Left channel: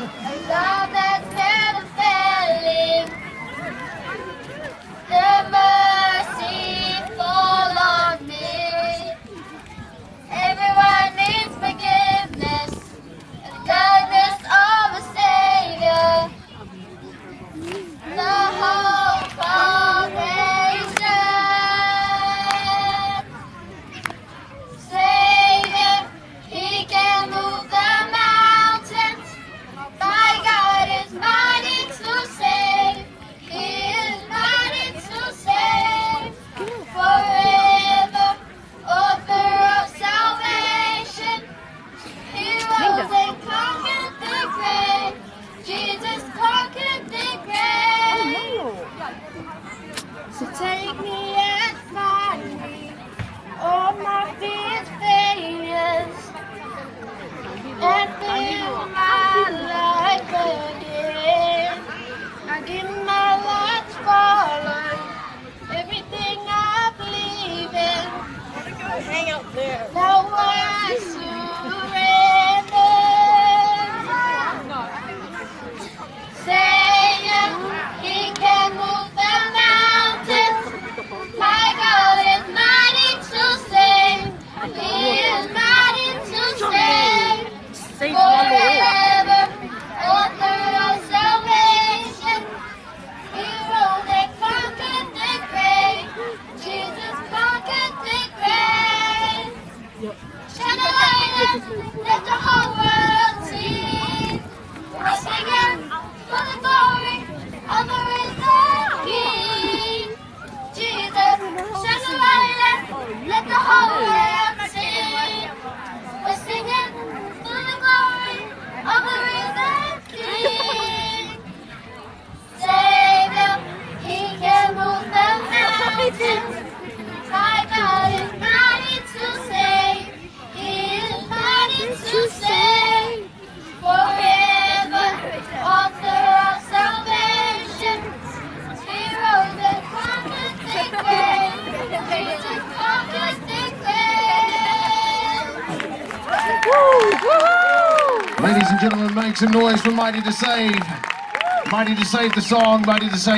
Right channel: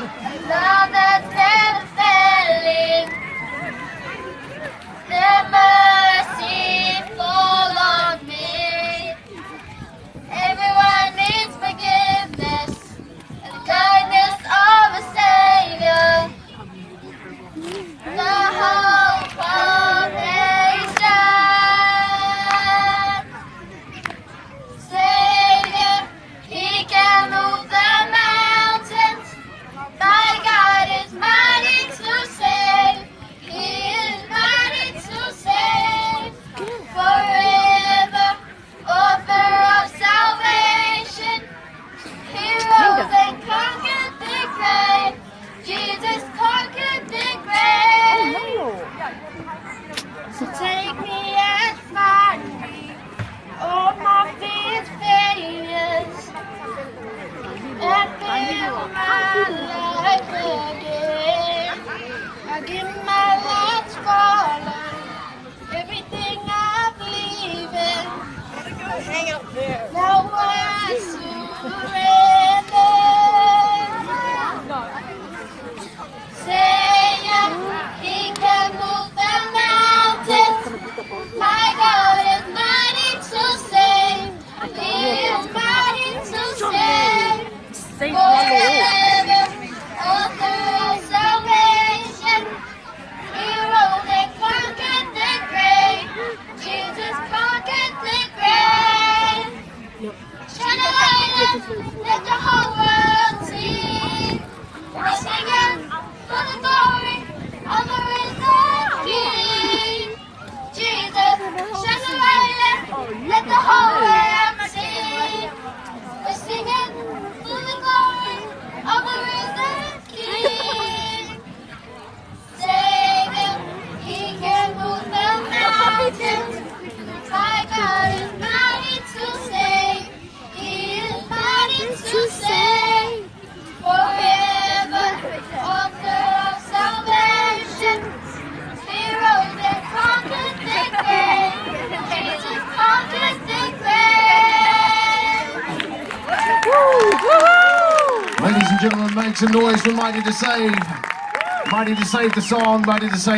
love that's never failing, the mercy fall on me. Everyone needs forgiveness and the kindness of a Savior. The hope of nation. Savior, He can move the mountains. My God is mighty to save. He is mighty to save. Forever, author of salvation. He rose and conquered the grave. Jesus conquered the grave. So take me and find me. All my fears, failures, and fill my life again. I give my last for everything I believe in. Now I surrender. Savior, He can move the mountains. My God is mighty to save. He is mighty to save. Forever, author of salvation. He rose and conquered the grave. Jesus conquered the grave. Shine a light and let the whole world see. We're singing for the glory of the risen King. Jesus, shine a light and let the whole world see. We're singing for the glory of the risen King. Savior, He can move the mountains. My God is mighty to save. He is mighty to save. Forever, author of salvation. He rose and conquered the grave. Jesus conquered the grave. Ladies and gentlemen, make some noise for Mighty to Save. Mighty to Save the song, Mighty to Save.